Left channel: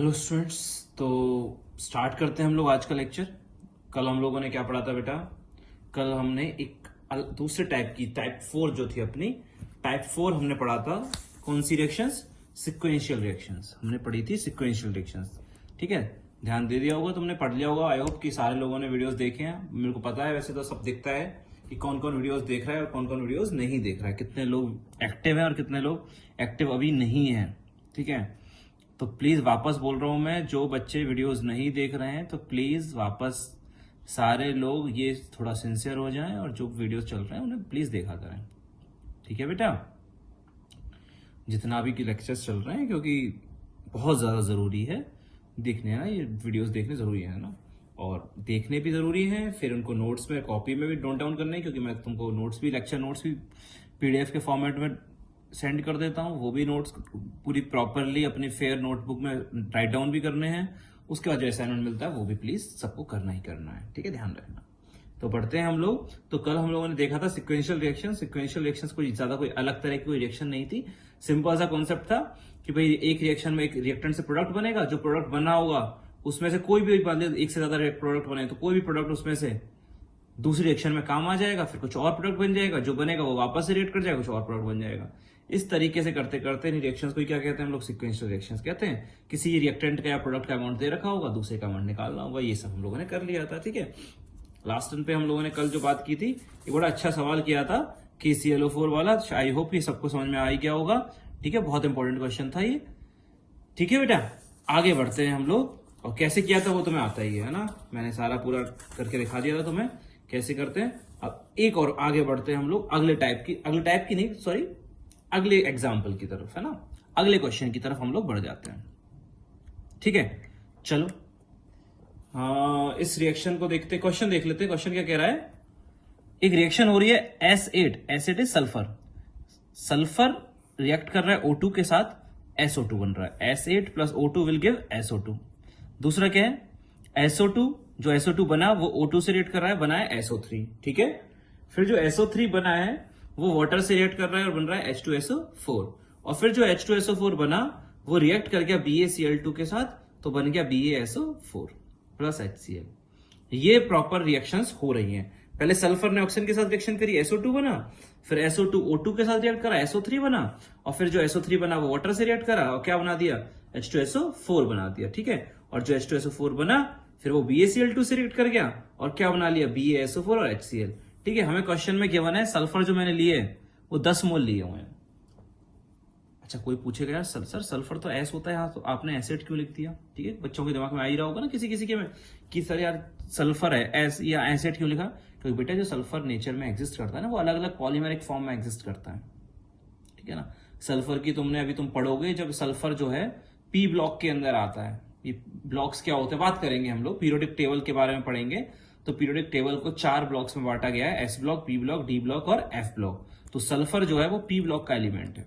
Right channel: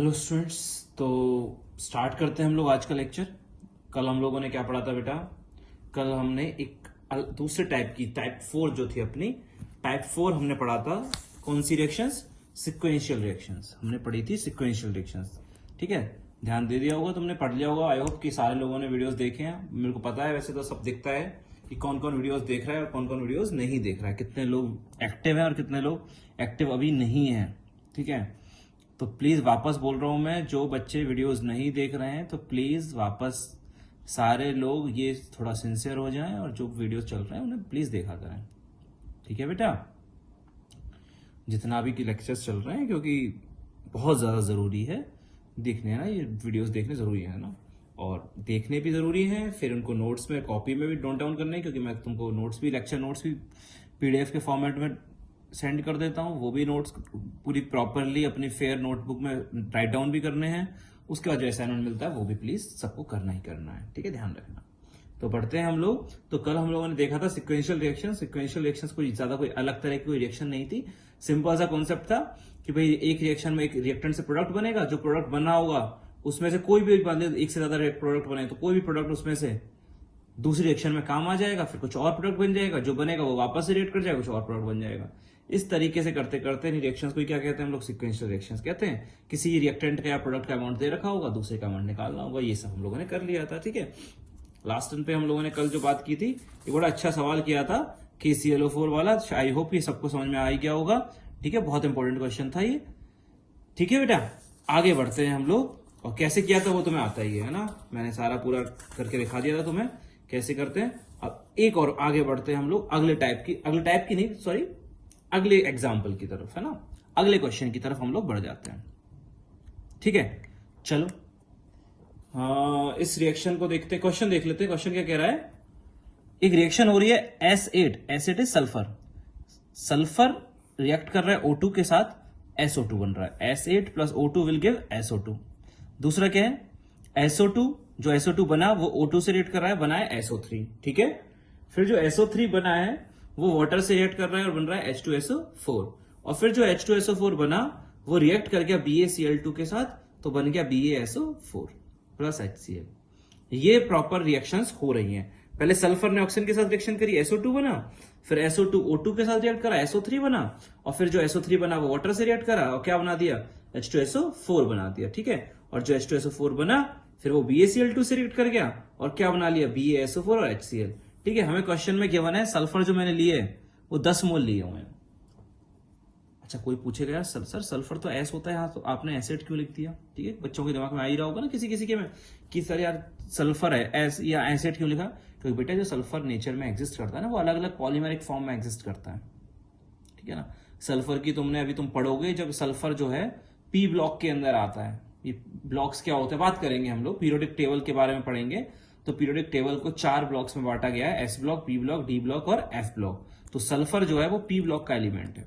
Hello students. तो start करते हैं हम लोग आज का लेक्चर। कल हम लोगों ने क्या पढ़ा था बेटा? कल हमने एक दूसरे टाइप की टाइप 4 जो थी अपनी टाइप 4 हमने पढ़ा था। कौन सी रिएक्शंस? सिक्वेंशियल रिएक्शंस हमने पढ़ी थी। सिक्वेंशियल रिएक्शंस, ठीक है। ध्यान दे दिया होगा, तुमने पढ़ लिया होगा। आई होप कि सारे लोगों ने वीडियोस देखे हैं। मेरे को पता है, वैसे तो सब दिखता है कि कौन कौन वीडियोस देख रहा है और कौन कौन वीडियोस नहीं देख रहा है, कितने लोग एक्टिव है और कितने लोग एक्टिव अभी नहीं है, ठीक है। तो प्लीज वापस बोल रहा हूं मैं, जो बच्चे वीडियोस नहीं देख रहे हैं तो प्लीज वापस सारे लोग ये थोड़ा सिंसियर हो जाएं और जो वीडियोस चल रहे हैं उन्हें प्लीज देखा करें, ठीक है बेटा। जितना भी की लेक्चर्स चल रहे हैं, क्योंकि बहुत ज्यादा जरूरी है देखने, है ये वीडियोस देखने जरूरी है ना, और देखने भी जरूरी है। फिर उनको नोट्स में कॉपी में भी नोट डाउन करने हैं, क्योंकि मैं तुमको नोट्स भी, लेक्चर नोट्स भी पीडीएफ के फॉर्मेट में सेंड कर देता हूँ। वो भी नोट्स पूरी प्रॉपरली अपनी फेयर नोटबुक में राइट डाउन भी करने हैं। उसके बाद जो असाइनमेंट मिलता है वो भी प्लीज सबको करना ही करना है, ठीक है, ध्यान रखना। तो बढ़ते हैं हम लोग। तो कल हम लोगों ने देखा था सिक्वेंशियल रिएक्शन। सिक्वेंशियल रिएक्शंस कोई ज्यादा कोई अलग तरह की कोई रिएक्शन नहीं थी। सिंपल सा कॉन्सेप्ट था कि भाई एक रिएक्शन में एक रिएक्टेंट से प्रोडक्ट बनेगा, जो प्रोडक्ट बना होगा उसमें से कोई भी एक से ज्यादा प्रोडक्ट बने तो कोई भी प्रोडक्ट उसमें से दूसरी रिएक्शन में काम आ जाएगा, फिर कुछ और प्रोडक्ट बन जाएगा, जो बनेगा वो वापस से रिएक्ट कर जाएगा, कुछ और प्रोडक्ट बन जाएगा। इस तरीके से करते करते रिएक्शंस को क्या कहते हैं हम लोग? सिक्वेंशियल रिएक्शंस कहते हैं। किसी रिएक्टेंट का या प्रोडक्ट का अमाउंट दे रखा होगा, दूसरे का अमाउंट निकालना होगा, ये सब हम लोगों ने कर लिया था, ठीक है। लास्ट टर्न पे हम लोगों ने कल जो बात की थी, ये बड़ा अच्छा सवाल किया था KClO4 वाला। आई होप ये सबको समझ में आ ही गया होगा, ठीक है। बहुत इंपॉर्टेंट क्वेश्चन था ये, ठीक है बेटा। आगे बढ़ते हैं हम लोग, और कैसे किया था वो तुम्हें आता ही है ना, मैंने सारा पूरा करके दिखा दिया था तुम्हें कैसे करते हैं। अब एक और आगे बढ़ते हैं हम लोग अगले टाइप की नहीं, सॉरी, अगले एग्जाम्पल की तरफ, है ना, अगले क्वेश्चन की तरफ हम लोग बढ़ जाते हैं, ठीक है। चलो इस रिएक्शन को देखते, क्वेश्चन देख लेते हैं। क्वेश्चन क्या कह रहा है? एक रिएक्शन हो रही है S8, acid is sulphur. Sulphur react कर रहा है O2 के साथ, SO2 बन रहा है। S8 plus O2 will give SO2। दूसरा क्या है? SO2, जो SO2 बना वो O2 से रिएक्ट कर रहा है, बना है SO3, ठीक है। फिर जो SO3 बना है वो वाटर से रिएक्ट कर रहा है और बन रहा है H2SO4। और फिर जो H2SO4 बना वो रिएक्ट कर गया BaCl2 के साथ, तो बन गया BaSO4 प्लस HCl। ये प्रॉपर रिएक्शंस हो रही हैं। पहले सल्फर ने ऑक्सीजन के साथ रिएक्शन करी, SO2 बना, फिर SO2 O2 के साथ रिएक्ट करा, SO3 बना, और फिर जो SO3 बना वो वाटर से रिएक्ट करा और क्या बना दिया? H2SO4 बना दिया, ठीक है। और जो H2SO4 बना फिर वो BaCl2 से रिएक्ट कर गया और क्या बना लिया? BaSO4 और HCl, ठीक है। हमें क्वेश्चन में गिवन है सल्फर जो मैंने लिए वो 10 मोल लिए हुए हैं। अच्छा, कोई पूछेगा यार सर सल्फर तो एस होता है, हाँ, तो आपने एसिड क्यों लिख दिया? ठीक है, बच्चों के दिमाग में आ ही रहा होगा ना किसी किसी के में कि सर यार सल्फर है एस या एसिड क्यों लिखा? तो बेटा जो सल्फर नेचर में एग्जिस्ट करता है ना, वो अलग अलग पॉलीमेरिक फॉर्म में एग्जिस्ट करता है, ठीक है ना। सल्फर की तुमने अभी तुम पढ़ोगे, जब सल्फर जो है पी ब्लॉक के अंदर आता है। ये ब्लॉक्स क्या होते हैं बात करेंगे हम लोग, पीरियोडिक टेबल के बारे में पढ़ेंगे। तो पीरियोडिक टेबल को 4 ब्लॉक्स में बांटा गया है, S block, P block, D block और एफ ब्लॉक। तो सल्फर जो है वो पी ब्लॉक का एलिमेंट है,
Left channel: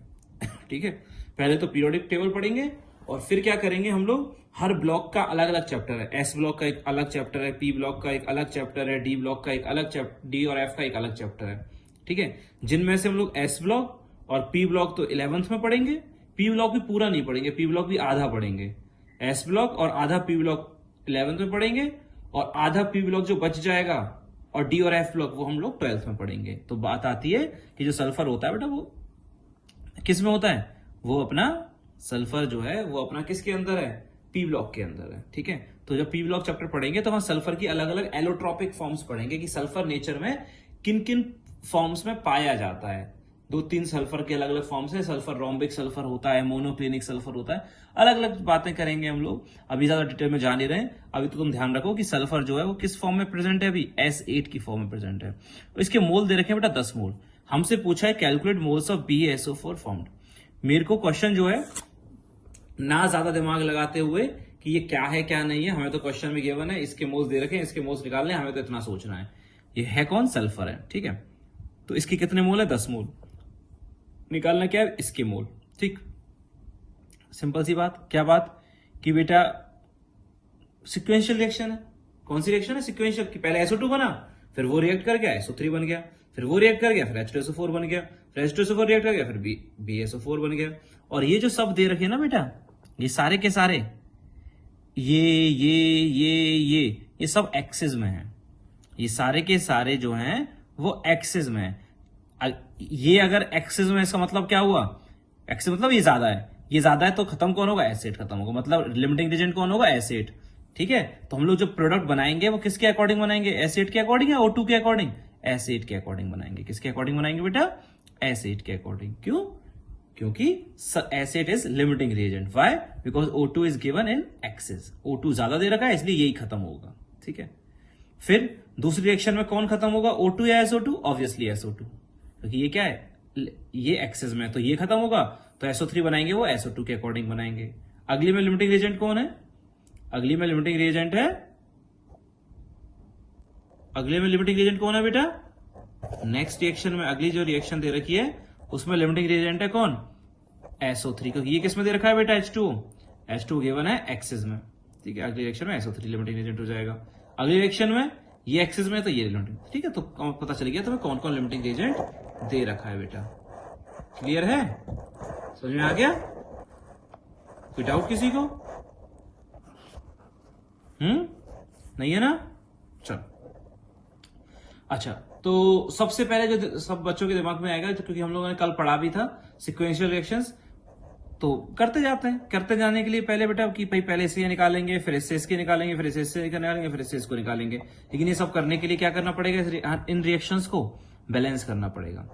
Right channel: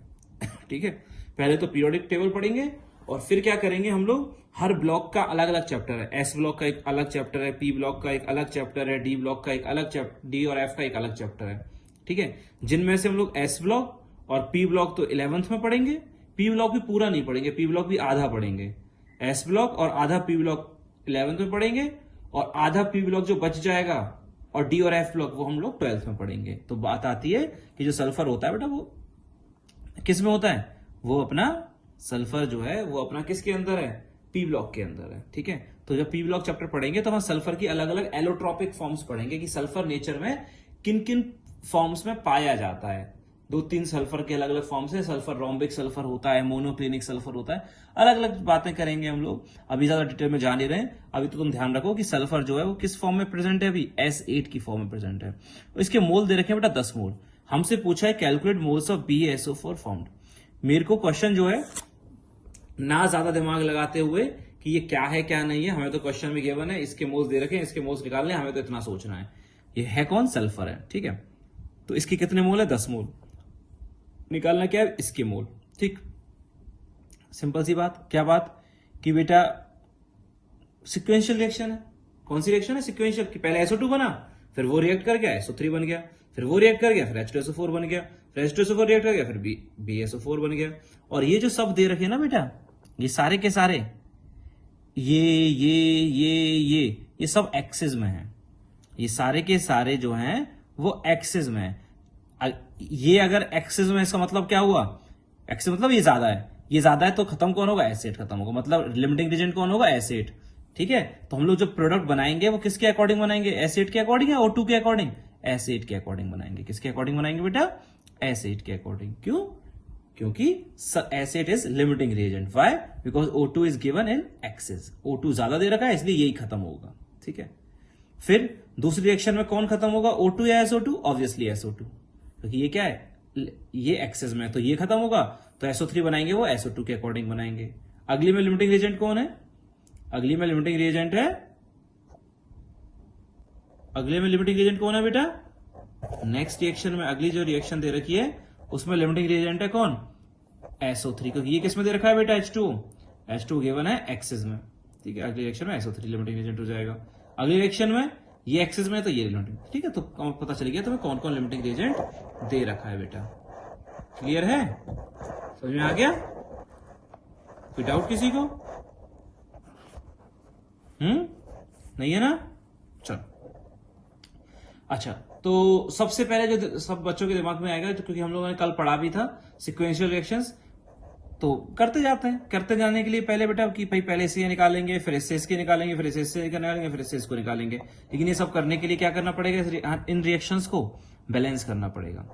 ठीक है। पहले तो पीरियोडिक टेबल पढ़ेंगे और फिर क्या करेंगे हम लोग, हर ब्लॉक का अलग अलग चैप्टर है। एस ब्लॉक का एक अलग चैप्टर है, पी ब्लॉक का एक अलग चैप्टर है, डी ब्लॉक का एक अलग चैप्टर, डी और एफ का एक अलग चैप्टर है, ठीक है। जिनमें से हम लोग एस ब्लॉक और पी ब्लॉक तो 11th में पढ़ेंगे, पी ब्लॉक भी पूरा नहीं पढ़ेंगे, पी ब्लॉक भी आधा पढ़ेंगे। एस ब्लॉक और आधा पी ब्लॉक 11th में पढ़ेंगे, और आधा पी ब्लॉक जो बच जाएगा और डी और एफ ब्लॉक वो हम लोग 12th में पढ़ेंगे। तो बात आती है कि जो सल्फर होता है बेटा वो किस में होता है? वो अपना सल्फर जो है वो अपना किसके अंदर है? पी ब्लॉक के अंदर है, ठीक है। तो जब पी ब्लॉक चैप्टर पढ़ेंगे तो हम सल्फर की अलग अलग एलोट्रॉपिक फॉर्म्स पढ़ेंगे कि सल्फर नेचर में किन किन फॉर्म्स में पाया जाता है। 2-3 सल्फर के अलग अलग फॉर्म्स है। सल्फर रोम्बिक सल्फर होता है, मोनोक्लिनिक सल्फर होता है, अलग अलग बातें करेंगे हम लोग। अभी ज्यादा डिटेल में जा नहीं रहे, अभी तो तुम ध्यान रखो कि सल्फर जो है वो किस फॉर्म में प्रेजेंट है? अभी S8 की फॉर्म में प्रेजेंट है। इसके मोल दे रखे हैं बेटा 10 मोल। हमसे पूछा है calculate moles of BaSO4 formed. मेरे को क्वेश्चन जो है ना ज्यादा दिमाग लगाते हुए कि ये क्या है क्या नहीं है, हमें तो क्वेश्चन में गिवन है इसके मोल्स दे रखे हैं, इसके मोल्स निकालने, हमें तो इतना सोचना है। ये है कौन? सल्फर है, ठीक है। तो इसकी कितने मोल है? 10 मोल। निकालना क्या है? इसके मोल, ठीक। सिंपल सी बात। क्या बात कि बेटा सिक्वेंशियल रिएक्शन है। कौन सी रिएक्शन है? सिक्वेंशियल। कि पहले SO2 बना, फिर वो रिएक्ट कर गया, SO3 बन गया, फिर वो रिएक्ट कर गया, फिर H2SO4 बन गया, फिर H2SO4 रिएक्ट कर गया, फिर BaSO4 बन गया। और ये जो सब दे रखे हैं ना बेटा, ये सारे के सारे ये सब एक्सिस में है। ये सारे के सारे जो हैं वो एक्सिस में है। ये अगर एक्सिस में, इसका मतलब क्या हुआ, एक्सिस मतलब ये ज्यादा है तो खत्म कौन होगा, एसिड खत्म होगा, मतलब लिमिटिंग रीजन कौन होगा, एसिड। ठीक है, तो हम लोग जो प्रोडक्ट बनाएंगे वो किसके अकॉर्डिंग बनाएंगे, एसिड के अकॉर्डिंग या O2 के अकॉर्डिंग, एसिड के अकॉर्डिंग बनाएंगे। किसके अकॉर्डिंग बनाएंगे बेटा, एसिड के अकॉर्डिंग। क्यों, क्योंकि acid is limiting reagent. Why, because O2 is given in axis. O2 ज्यादा दे रखा है इसलिए यही खत्म होगा। ठीक है, फिर दूसरी रिएक्शन में कौन खत्म होगा, O2 या SO2, ऑब्वियसली SO2, क्योंकि ये क्या है, ये एक्सेस में, तो ये खत्म होगा, तो SO3 बनाएंगे वो SO2 के अकॉर्डिंग बनाएंगे। अगली में लिमिटिंग रिएजेंट कौन है, अगली में लिमिटिंग रिएजेंट है, अगले में लिमिटिंग रिएजेंट कौन है बेटा, नेक्स्ट रिएक्शन में अगली जो रिएक्शन दे रखी है उसमें लिमिटिंग रिएजेंट है कौन, SO3, क्योंकि ये किस में दे रखा है बेटा, H2 गिवन है एक्सेस में। ठीक है, अगली रिएक्शन में SO3 लिमिटिंग रिएजेंट हो जाएगा। अगली रिएक्शन में ये एक्सेस में तो ये लिमिटिंग। ठीक है, तो पता चल गया तुम्हें कौन कौन लिमिटिंग रिएजेंट दे रखा है बेटा। क्लियर है, समझ में आ गया, कोई डाउट किसी को, नहीं है ना, चलो। अच्छा, तो सबसे पहले जो सब बच्चों के दिमाग में आएगा, क्योंकि हम लोगों ने कल पढ़ा भी था सिक्वेंशियल रिएक्शंस, तो करते जाते हैं। करते जाने के लिए पहले बेटा कि भाई पहले इसके निकालेंगे, फिर इसके निकालेंगे, फिर इससे निकालेंगे, फिर इसको निकालेंगे। लेकिन ये सब करने के लिए क्या करना पड़ेगा, इन रिएक्शंस को बैलेंस करना पड़ेगा।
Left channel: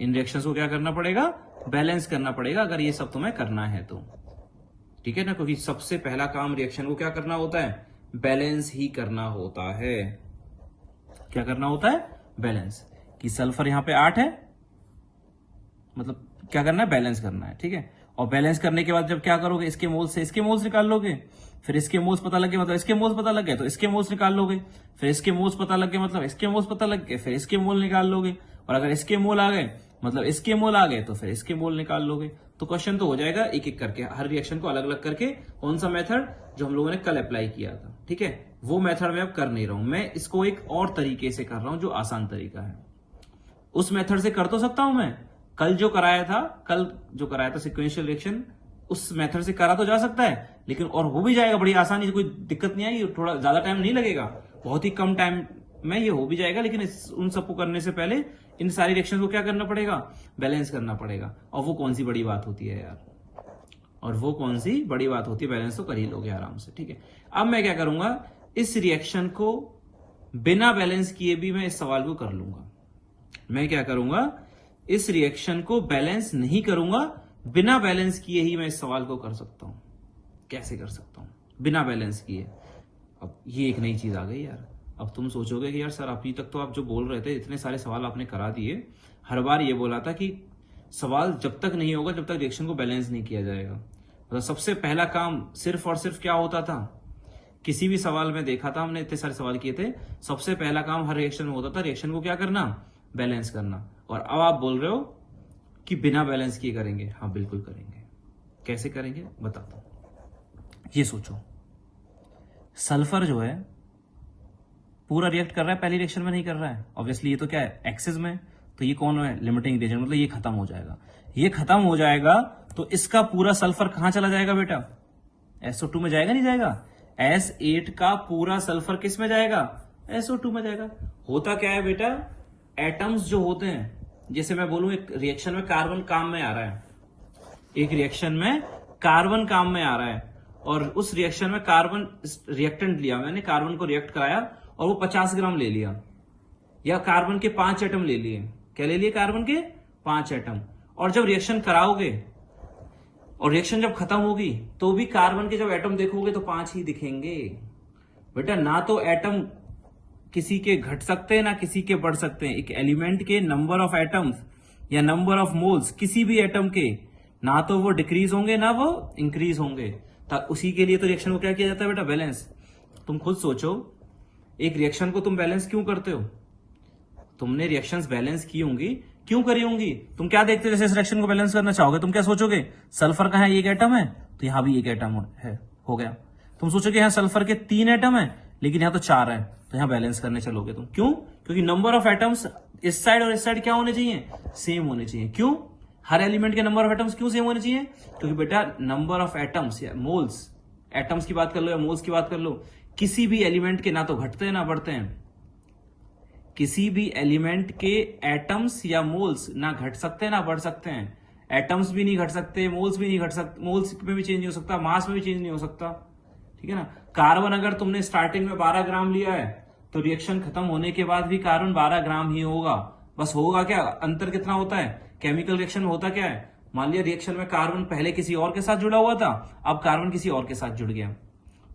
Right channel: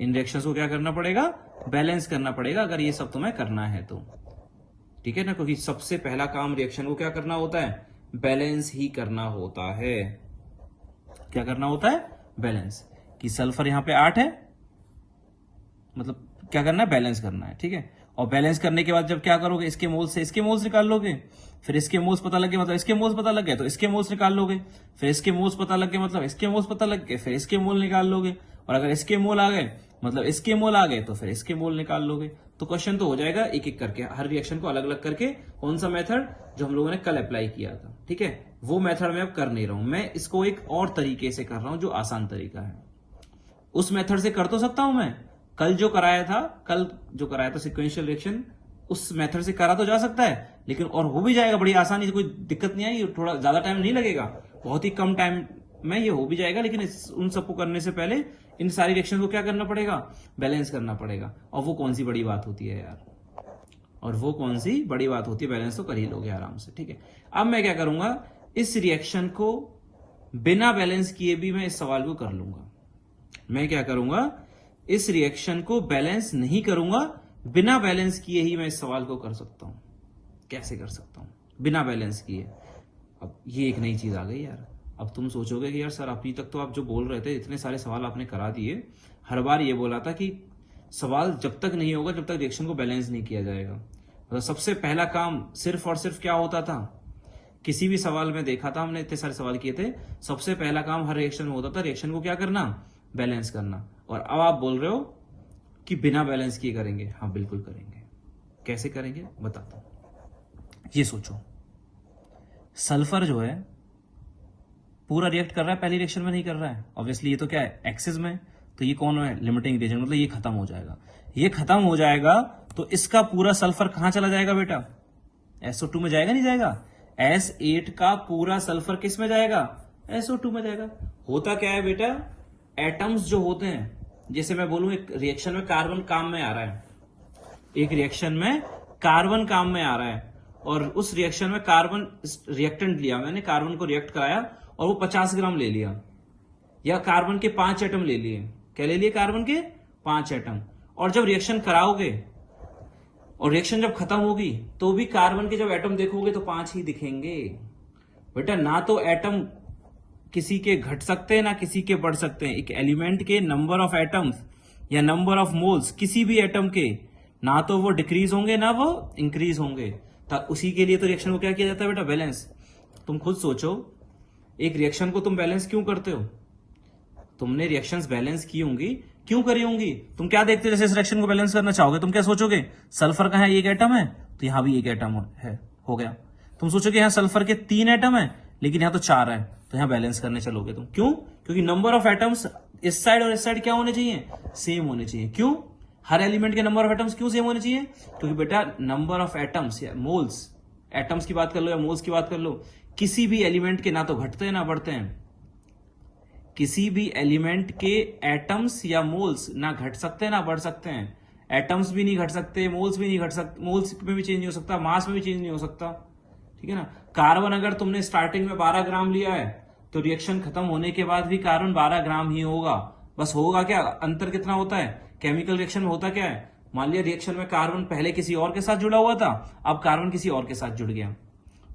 इन रिएक्शंस को क्या करना पड़ेगा, बैलेंस करना पड़ेगा, अगर ये सब तुम्हें करना है तो। ठीक है ना, क्योंकि सबसे पहला काम रिएक्शन को क्या करना होता है, बैलेंस ही करना होता है। क्या करना होता है, बैलेंस। कि सल्फर यहाँ पे 8 है, मतलब क्या करना है, बैलेंस करना है। ठीक है, और बैलेंस करने के बाद जब क्या करोगे, इसके मोल्स से इसके मोल्स निकाल लोगे, फिर इसके मोल्स पता लगे मतलब इसके मोल्स पता लग गए तो इसके मोल्स निकाल लोगे, फिर इसके मोल्स पता लग गए मतलब इसके मोल्स पता लग गए, फिर इसके मोल निकाल लोगे, और अगर इसके मोल आ गए मतलब इसके मोल आ गए तो फिर इसके मोल निकाल लोगे। तो क्वेश्चन तो हो जाएगा एक एक करके, हर रिएक्शन को अलग अलग करके। कौन सा मेथड, जो हम लोगों ने कल अप्लाई किया था। ठीक है, वो मेथड मैं अब कर नहीं रहा हूं, मैं इसको एक और तरीके से कर रहा हूं जो आसान तरीका है। उस मेथड से कर तो सकता हूं मैं, कल जो कराया था सिक्वेंशियल रिएक्शन, उस मेथड से करा तो जा सकता है, लेकिन और हो भी जाएगा बड़ी आसानी से, कोई दिक्कत नहीं आएगी, थोड़ा ज्यादा टाइम नहीं लगेगा, बहुत ही कम टाइम में ये हो भी जाएगा। लेकिन उन सबको करने से पहले इन सारी रिएक्शन को क्या करना पड़ेगा, बैलेंस करना पड़ेगा। और वो कौन सी बड़ी बात होती है यार, और वो कौन सी बड़ी बात होती है, बैलेंस तो कर ही लोगे आराम से। ठीक है, अब मैं क्या करूंगा, इस रिएक्शन को बिना बैलेंस किए भी मैं इस सवाल को कर लूंगा। मैं क्या करूंगा, इस रिएक्शन को बैलेंस नहीं करूंगा, बिना बैलेंस किए ही मैं इस सवाल को कर सकता हूं। कैसे कर सकता हूं, बिना बैलेंस किए। अब ये एक नई चीज आ गई यार। अब तुम सोचोगे कि यार सर अभी तक तो आप जो बोल रहे थे, इतने सारे सवाल आपने करा दिए, हर बार ये बोला था कि सवाल जब तक नहीं होगा जब तक रिएक्शन को बैलेंस नहीं किया जाएगा। मतलब सबसे पहला काम सिर्फ और सिर्फ क्या होता था, किसी भी सवाल में देखा था हमने, इतने सारे सवाल किए थे, सबसे पहला काम हर रिएक्शन में होता था, रिएक्शन को क्या करना, बैलेंस करना। और अब आप बोल रहे हो कि बिना बैलेंस किए करेंगे। हाँ बिल्कुल करेंगे। कैसे करेंगे बताता हूं। ये सोचो, सल्फर जो है पूरा रिएक्ट कर रहा है, पहली रिएक्शन में नहीं कर रहा है, ऑब्वियसली ये तो क्या है, एक्सिस में, तो ये कौन है, लिमिटिंग रिएजेंट, मतलब ये खत्म हो जाएगा। ये खत्म हो जाएगा तो इसका पूरा सल्फर कहां चला जाएगा बेटा, SO2 में जाएगा, नहीं जाएगा। S8 का पूरा सल्फर किस में जाएगा, SO2 में जाएगा। होता क्या है बेटा, एटम्स जो होते हैं, जैसे मैं बोलूं एक रिएक्शन में कार्बन काम में आ रहा है, एक रिएक्शन में कार्बन काम में आ रहा है, और उस रिएक्शन में कार्बन रिएक्टेंट लिया मैंने, कार्बन को रिएक्ट कराया और वो 50 ग्राम ले लिया, या कार्बन के 5 एटम ले लिए। क्या ले लिए, कार्बन के 5 एटम। और जब रिएक्शन कराओगे और रिएक्शन जब खत्म होगी तो भी कार्बन के जब एटम देखोगे तो 5 ही दिखेंगे बेटा। ना तो एटम किसी के घट सकते हैं ना किसी के बढ़ सकते हैं। एक एलिमेंट के नंबर ऑफ एटम्स या नंबर ऑफ मोल्स किसी भी एटम के, ना तो वो डिक्रीज होंगे ना वो इंक्रीज होंगे। उसी के लिए तो रिएक्शन को क्या किया जाता है बेटा, बैलेंस। तुम खुद सोचो, एक रिएक्शन को तुम बैलेंस क्यों करते हो, तुमने रिएक्शंस बैलेंस की होंगी, क्यों करी होंगी, तुम क्या देखते हो, जैसे इस रिएक्शन को बैलेंस करना चाहोगे तुम क्या सोचोगे, सल्फर का है एक एटम है तो यहां भी एक एटम है, हो गया। तुम सोचोगे यहाँ सल्फर के 3 एटम है लेकिन यहाँ तो 4 है, तो यहाँ बैलेंस करने चलोगे तुम। क्यों, क्योंकि नंबर ऑफ एटम्स इस साइड और इस साइड क्या होने चाहिए, सेम होने चाहिए। क्यों, हर एलिमेंट के नंबर ऑफ एटम्स क्यों सेम होने चाहिए, क्योंकि बेटा नंबर ऑफ एटम्स या मोल्स एटम्स की बात कर लो या मोल्स की बात कर लो, किसी भी एलिमेंट के ना तो घटते हैं ना बढ़ते हैं। किसी भी एलिमेंट के एटम्स या मोल्स ना घट सकते हैं ना बढ़ सकते हैं। एटम्स भी नहीं घट सकते, मोल्स भी नहीं घट सकते, मोल्स में भी चेंज नहीं हो सकता, मास में भी चेंज नहीं हो सकता, ठीक है ना। कार्बन अगर तुमने स्टार्टिंग में 12 ग्राम लिया है तो रिएक्शन खत्म होने के बाद भी कार्बन 12 ग्राम ही होगा। बस होगा क्या, अंतर कितना होता है केमिकल रिएक्शन में, होता क्या है, मान लिया रिएक्शन में कार्बन पहले किसी और के साथ जुड़ा हुआ था, अब कार्बन किसी और के साथ जुड़ गया।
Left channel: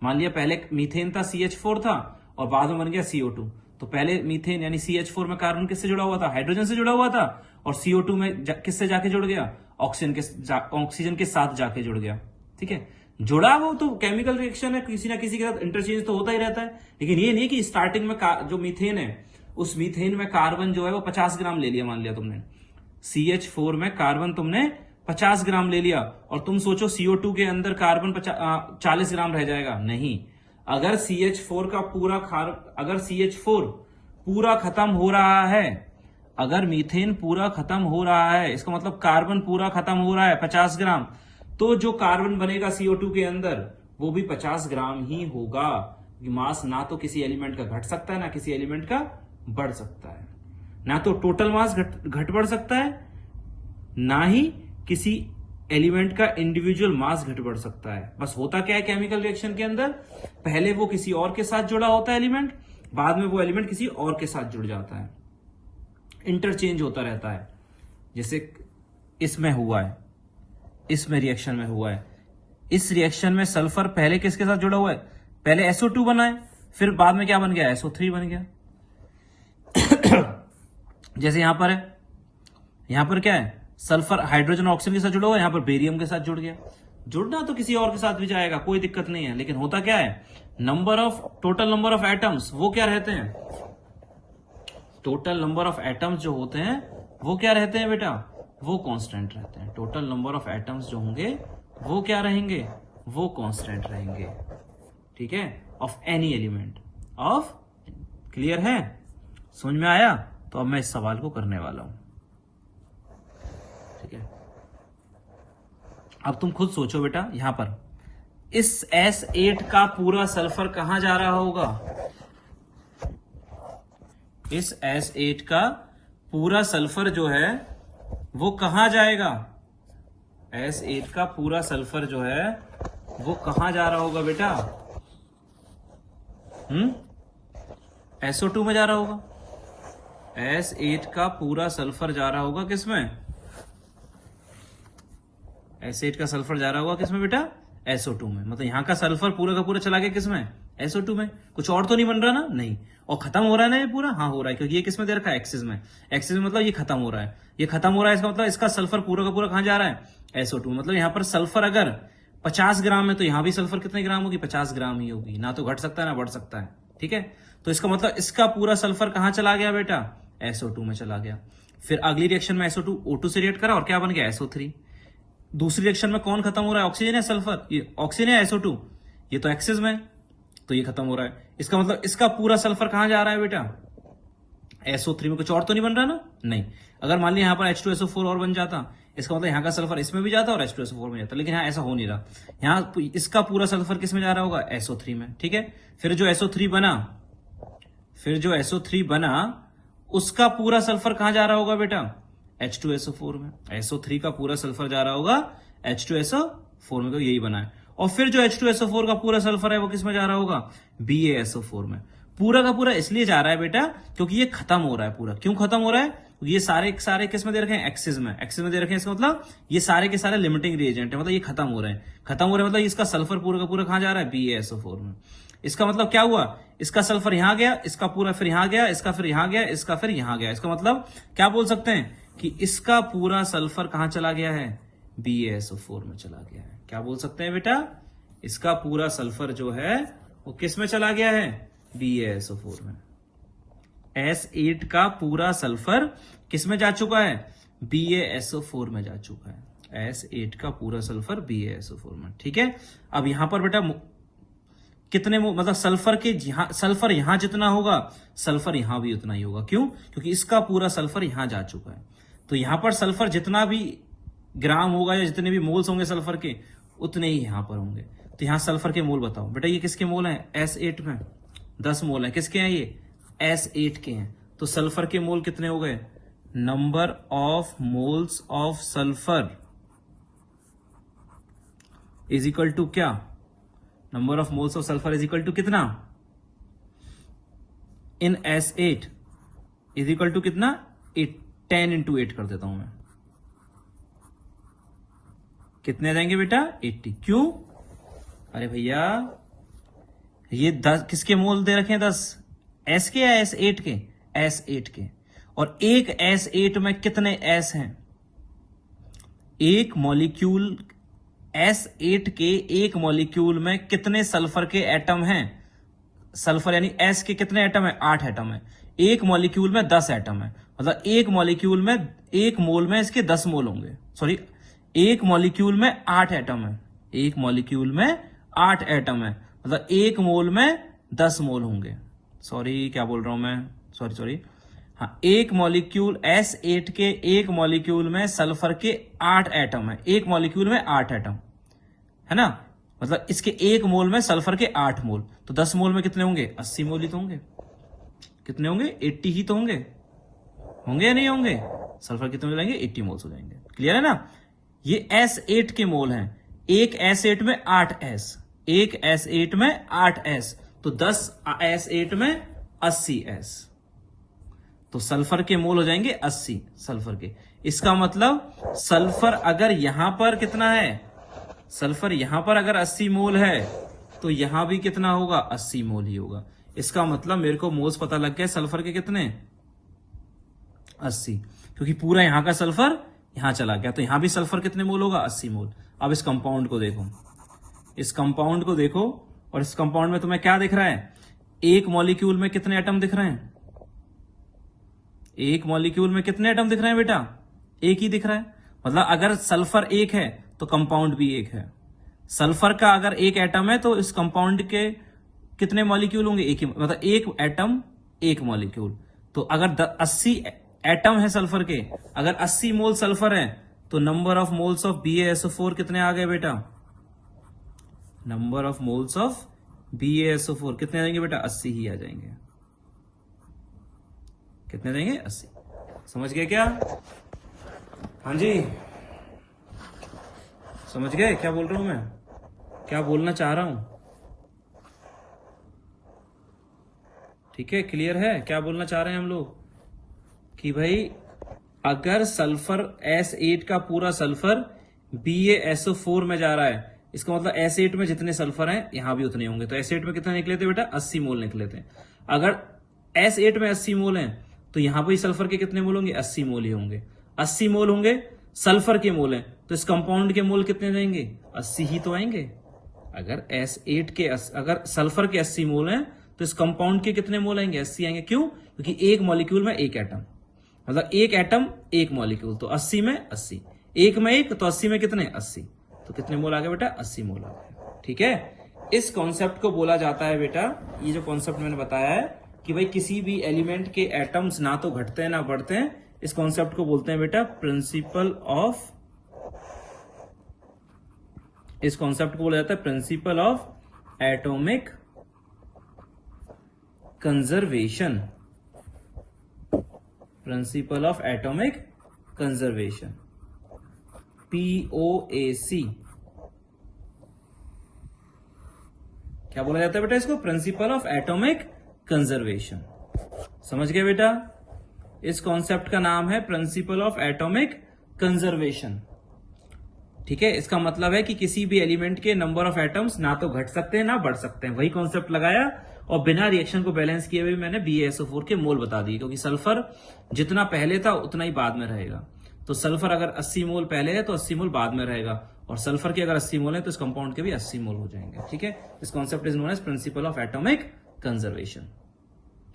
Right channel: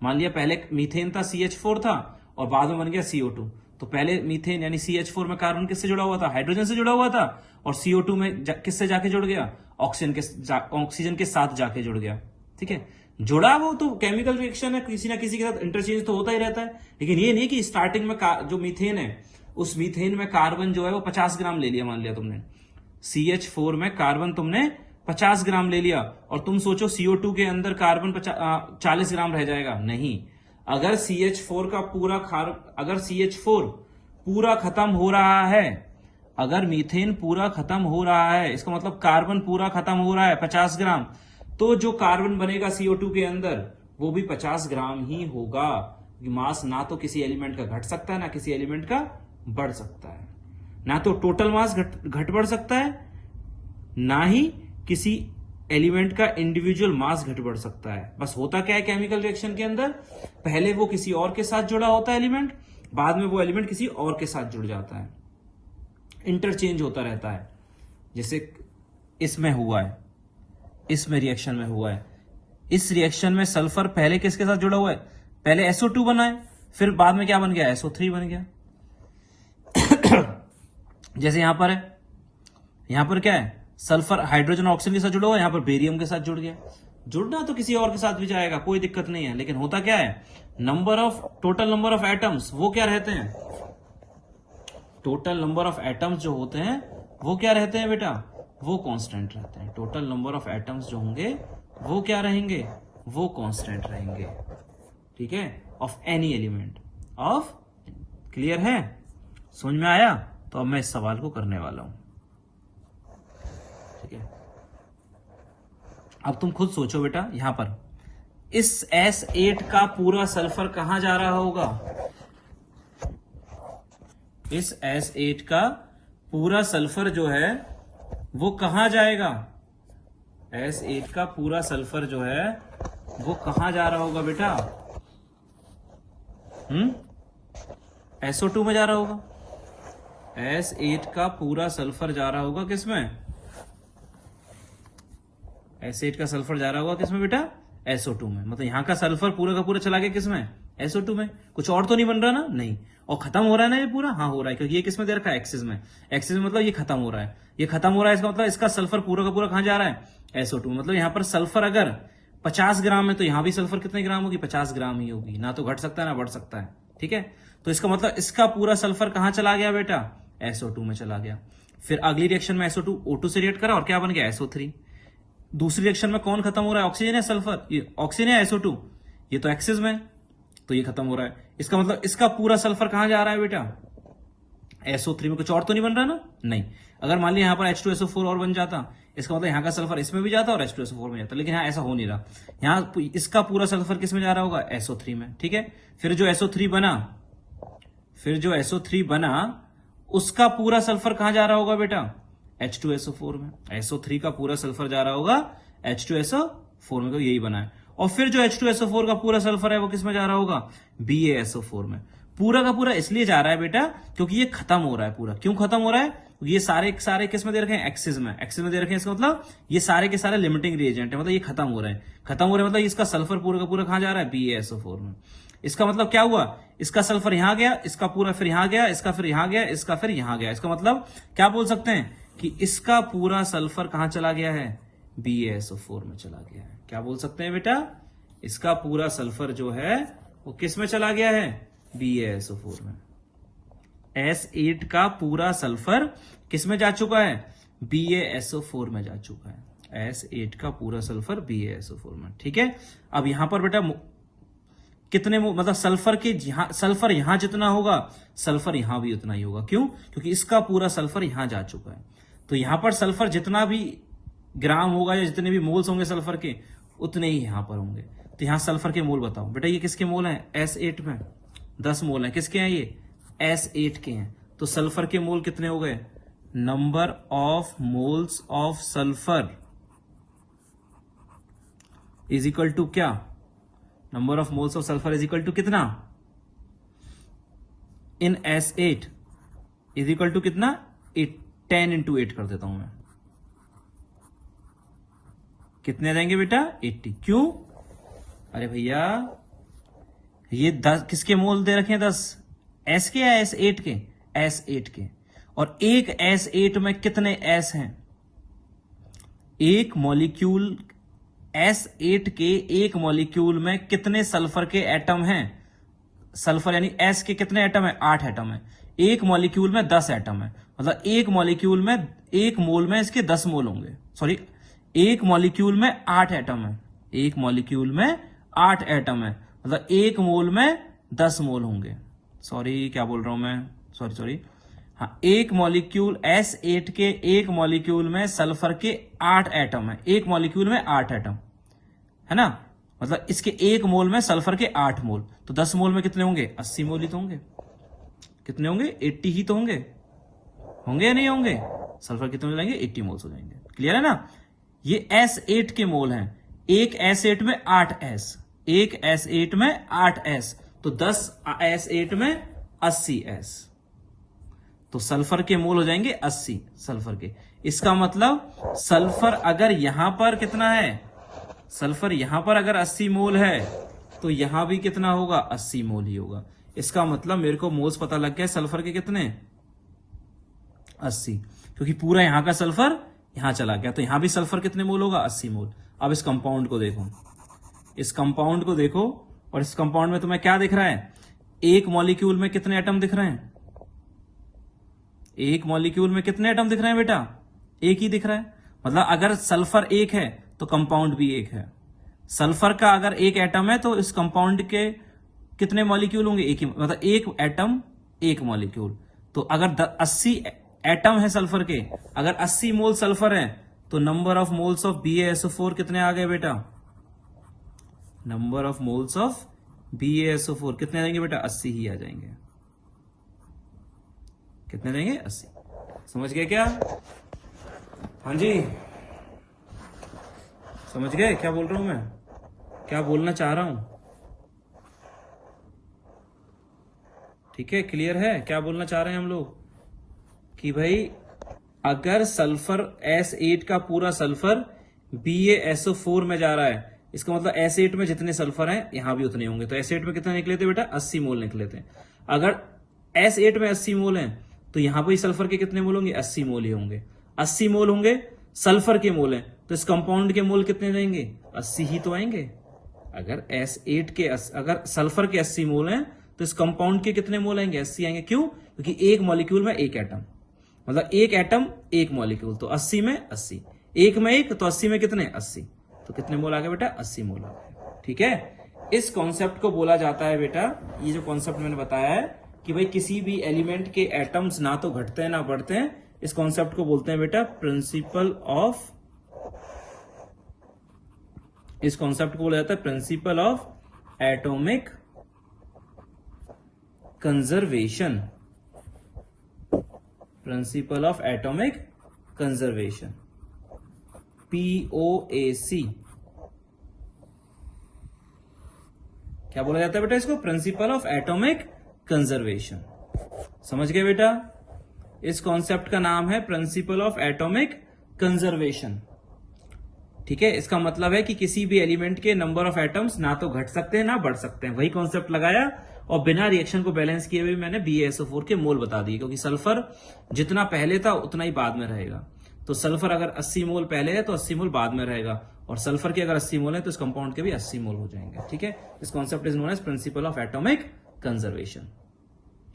मान लिया पहले मीथेन था, CH4 था, और बाद में बन गया CO2। तो पहले मीथेन यानी CH4 में कार्बन किससे जुड़ा हुआ था, हाइड्रोजन से जुड़ा हुआ था, और CO2 में किससे जाके जुड़ गया, ऑक्सीजन के साथ जाके जुड़ गया, ठीक है। जुड़ा वो तो केमिकल रिएक्शन है, किसी ना किसी के साथ इंटरचेंज तो होता ही रहता है। लेकिन ये नहीं कि स्टार्टिंग में जो मीथेन है उस मीथेन में कार्बन जो है वो 50 ग्राम ले लिया, मान लिया तुमने CH4 में कार्बन तुमने 50 ग्राम ले लिया, और तुम सोचो CO2 के अंदर कार्बन 40 ग्राम रह जाएगा, नहीं। अगर CH4 का अगर CH4 पूरा खत्म हो रहा है, अगर मीथेन पूरा खत्म हो रहा है, इसका मतलब कार्बन पूरा खत्म हो रहा है 50 ग्राम, तो जो कार्बन बनेगा CO2 के अंदर वो भी 50 ग्राम ही होगा। मास ना तो किसी एलिमेंट का घट सकता है ना किसी एलिमेंट का बढ़ सकता है, ना तो टोटल मास घट बढ़ सकता है, ना ही किसी एलिमेंट का इंडिविजुअल मास घट बढ़ सकता है। बस होता क्या है केमिकल रिएक्शन के अंदर, पहले वो किसी और के साथ जुड़ा होता है एलिमेंट, बाद में वो एलिमेंट किसी और के साथ जुड़ जाता है, इंटरचेंज होता रहता है। जैसे इसमें हुआ है, इसमें रिएक्शन में हुआ है, इस रिएक्शन में सल्फर पहले किसके साथ जुड़ा हुआ है, पहले SO2 बना है, फिर बाद में क्या बन गया, SO3 बन गया। जैसे यहां पर है, यहां पर क्या है, सल्फर हाइड्रोजन ऑक्सीजन के साथ जुड़ा हुआ है, यहां पर बेरियम के साथ जुड़ गया। जुड़ना तो किसी और के साथ भी जाएगा, कोई दिक्कत नहीं है, लेकिन होता क्या है, टोटल नंबर ऑफ एटम्स वो क्या रहते हैं, टोटल नंबर ऑफ एटम्स जो होते हैं वो क्या रहते हैं बेटा, वो कांस्टेंट रहते हैं। टोटल नंबर ऑफ एटम्स जो होंगे वो क्या रहेंगे, वो कांस्टेंट रहेंगे, ठीक है, of any element of. Clear है, समझ में आया। तो अब मैं इस सवाल को करने वाला हूं, ठीक है। अब तुम खुद सोचो बेटा, यहां पर इस S8 का पूरा सल्फर कहां जा रहा होगा, इस S8 का पूरा सल्फर जो है वो कहां जाएगा, S8 का पूरा सल्फर जो है वो कहां जा रहा होगा बेटा, SO2 में जा रहा होगा। S8 का पूरा सल्फर जा रहा होगा किसमें, S8 का सल्फर जा रहा होगा किसमें बेटा, SO2 में। मतलब यहाँ का सल्फर पूरा का पूरा चला गया किसमें, SO2 में। कुछ और तो नहीं बन रहा ना, नहीं। और खत्म हो रहा है ना ये पूरा, हाँ हो रहा है, क्योंकि ये किसमें दे रखा है, एक्सिस में। एक्सिस में मतलब ये खत्म हो रहा है, ये खत्म हो रहा है, इसका मतलब इसका सल्फर पूरा का पूरा कहां जा रहा है, SO2। मतलब यहाँ पर सल्फर अगर 50 ग्राम है तो यहाँ भी सल्फर कितने ग्राम होगी, 50 ग्राम ही होगी, ना तो घट सकता है ना बढ़ सकता है, ठीक है। तो इसका मतलब इसका पूरा सल्फर कहां चला गया बेटा, SO2 में चला गया। फिर अगली रिएक्शन में SO2 O2 से रिएक्ट करा और क्या बन गया, SO3। दूसरी रिएक्शन में कौन खत्म हो रहा है, ऑक्सीजन है सल्फर, ये ऑक्सीजन है SO2, ये तो एक्सिस में, तो ये खत्म हो रहा है। इसका मतलब इसका पूरा सल्फर कहां जा रहा है बेटा, SO3 में। कुछ और तो नहीं बन रहा ना, नहीं। अगर मान लिया यहाँ पर H2SO4 और बन जाता, इसका मतलब यहाँ का सल्फर इसमें भी जाता और H2SO4 में जाता, लेकिन यहाँ ऐसा हो नहीं रहा। यहाँ इसका पूरा सल्फर किस में जा रहा होगा, SO3 में, ठीक है। फिर जो SO3 बना, उसका पूरा सल्फर कहां जा रहा होगा बेटा, H2SO4 में। SO3 का पूरा सल्फर जा रहा होगा H2SO4 में, तो यही बना है। और फिर जो H2SO4 का पूरा सल्फर है वो किस में जा रहा होगा, BaSO4 में। पूरा का पूरा इसलिए जा रहा है बेटा क्योंकि ये खत्म हो रहा है पूरा। क्यों खत्म हो रहा है, ये सारे किस में दे रखे हैं, एक्सिस में। एक्सिस में दे रखे हैं, इसका मतलब ये सारे के सारे लिमिटिंग रिएजेंट है, मतलब ये खत्म हो रहा है। खत्म हो रहा है मतलब इसका सल्फर पूरा का पूरा कहां जा रहा है, BaSO4 में। इसका मतलब क्या हुआ, इसका सल्फर यहां गया, इसका पूरा फिर यहां गया, इसका फिर यहां गया, इसका फिर यहां गया। इसका मतलब क्या बोल सकते हैं कि इसका पूरा सल्फर कहां चला गया है, BaSO4 में चला गया है। क्या बोल सकते हैं बेटा, इसका पूरा सल्फर जो है वो किस में चला गया है, BaSO4 में। S8 का पूरा सल्फर किस में जा चुका है, BaSO4 में जा चुका है। S8 का पूरा सल्फर BaSO4 में, ठीक है। अब यहां पर बेटा कितने मतलब सल्फर यहां जितना होगा, सल्फर यहां भी उतना ही होगा। क्यों, क्योंकि इसका पूरा सल्फर यहां जा चुका है। तो यहां पर सल्फर जितना भी ग्राम होगा या जितने भी मोल्स होंगे सल्फर के, उतने ही यहां पर होंगे। तो यहाँ सल्फर के मोल बताओ बेटा, ये किसके मोल हैं? S8 में 10 मोल है। किसके हैं ये? S8 के हैं। तो सल्फर के मोल कितने हो गए? Number of moles of sulphur is equal to क्या? Number of moles of sulphur is equal to कितना? In S8 is equal to कितना? 10 इंटू 8 कर देता हूं मैं। कितने जाएंगे बेटा? 80। क्यों? अरे भैया ये 10 किसके मोल दे रखे हैं? 10 S के या S8 के? S8 के। और एक S8 में कितने S हैं? एक मॉलिक्यूल S8 के एक मॉलिक्यूल में कितने सल्फर के एटम हैं? सल्फर यानी S के कितने एटम है? 8 एटम है। एक मॉलिक्यूल में 10 एटम है, मतलब एक मॉलिक्यूल में, एक मोल में इसके 10 मोल होंगे। सॉरी, एक मॉलिक्यूल में 8 एटम है। एक मॉलिक्यूल में 8 एटम है, मतलब एक मोल में 10 मोल होंगे। सॉरी, क्या बोल रहा हूं मैं? सॉरी। हाँ, एक मॉलिक्यूल S8 के एक मॉलिक्यूल में सल्फर के 8 एटम है। एक मॉलिक्यूल में 8 एटम है ना, मतलब इसके एक मोल में सल्फर के 8 मोल। तो 10 मोल में कितने होंगे? 80 मोल ही तो होंगे। कितने होंगे? 80 ही तो होंगे। होंगे या नहीं होंगे? सल्फर कितने हो जाएंगे? 80 मोल्स हो जाएंगे। क्लियर है ना? ये S8 के मोल हैं। एक S8 में 8S, एक S8 में 8S, तो 10 S8 में 80S। तो सल्फर के मोल हो जाएंगे 80 सल्फर के। इसका मतलब सल्फर अगर यहां पर कितना है? सल्फर यहां पर अगर 80 मोल है तो यहां भी कितना होगा? 80 मोल ही होगा। इसका मतलब मेरे को मोल्स पता लग गए सल्फर के कितने? 80, क्योंकि पूरा यहां का सल्फर यहां चला गया। तो यहां भी सल्फर कितने मोल होगा? 80 मोल। अब इस कंपाउंड को देखो, इस कंपाउंड को देखो, और इस कंपाउंड में तुम्हें क्या दिख रहा है? एक मॉलिक्यूल में कितने एटम दिख रहे हैं? एक मॉलिक्यूल में कितने एटम दिख रहे हैं बेटा? एक ही दिख रहा है। मतलब अगर सल्फर एक है तो कंपाउंड भी एक है। सल्फर का अगर एक एटम है तो इस कंपाउंड के कितने मॉलिक्यूल होंगे? एक ही, मतलब एक एटम एक मॉलिक्यूल। तो अगर 80 एटम है सल्फर के, अगर 80 मोल सल्फर है, तो number of moles of BaSO4 कितने आ गए बेटा? Number of moles of BaSO4 कितने आ जाएंगे बेटा? 80 ही आ जाएंगे। कितने देंगे? 80। समझ गए क्या? हाँ जी, समझ गए क्या बोल रहा हूं मैं, क्या बोलना चाह रहा हूं? ठीक है, क्लियर है क्या बोलना चाह रहे हैं हम लोग? कि भाई अगर सल्फर S8 का पूरा सल्फर BaSO4 में जा रहा है, इसका मतलब S8 में जितने सल्फर हैं यहां भी उतने होंगे। तो S8 में कितना निकले थे बेटा? 80 मोल निकले थे। अगर S8 में 80 मोल हैं तो यहां पर सल्फर के कितने मोल होंगे? 80 मोल ही होंगे। 80 मोल होंगे, सल्फर के मोल हैं, तो इस कंपाउंड के मोल कितने जाएंगे? 80 ही तो आएंगे। अगर S8 के अगर सल्फर के 80 मोल हैं तो इस कंपाउंड के कितने मोल आएंगे? 80 आएंगे। क्यों? क्योंकि एक मॉलिक्यूल में एक एटम, मतलब एक एटम एक मॉलिक्यूल, तो 80 में 80, एक में एक, तो 80 में कितने? 80। तो कितने मोल आ गए बेटा? 80 मोल आ गए। ठीक है, इस कॉन्सेप्ट को बोला जाता है बेटा, ये जो कॉन्सेप्ट मैंने बताया है कि भाई किसी भी एलिमेंट के एटम्स ना तो घटते हैं ना बढ़ते हैं, इस कॉन्सेप्ट को बोलते हैं बेटा प्रिंसिपल ऑफ, इस कॉन्सेप्ट को बोला जाता है principal of atomic conservation. Principal of atomic conservation, POAC। क्या बोला जाता है बेटा इसको? Principal of atomic conservation. समझ गए बेटा? इस कॉन्सेप्ट का नाम है प्रिंसिपल ऑफ एटॉमिक कंजर्वेशन। ठीक है, इसका मतलब है कि किसी भी एलिमेंट के नंबर ऑफ एटम्स ना तो घट सकते हैं ना बढ़ सकते हैं। वही कॉन्सेप्ट लगाया और बिना रिएक्शन को बैलेंस किए हुए मैंने BaSO4 के मोल बता दिए, क्योंकि सल्फर जितना पहले था उतना ही बाद में रहेगा। तो सल्फर अगर 80 मोल पहले है तो 80 मोल बाद में रहेगा, और सल्फर के अगर 80 मोल है तो इस कंपाउंड के भी 80 मोल हो जाएंगे। ठीक है, इस concept is known as principle of atomic conservation.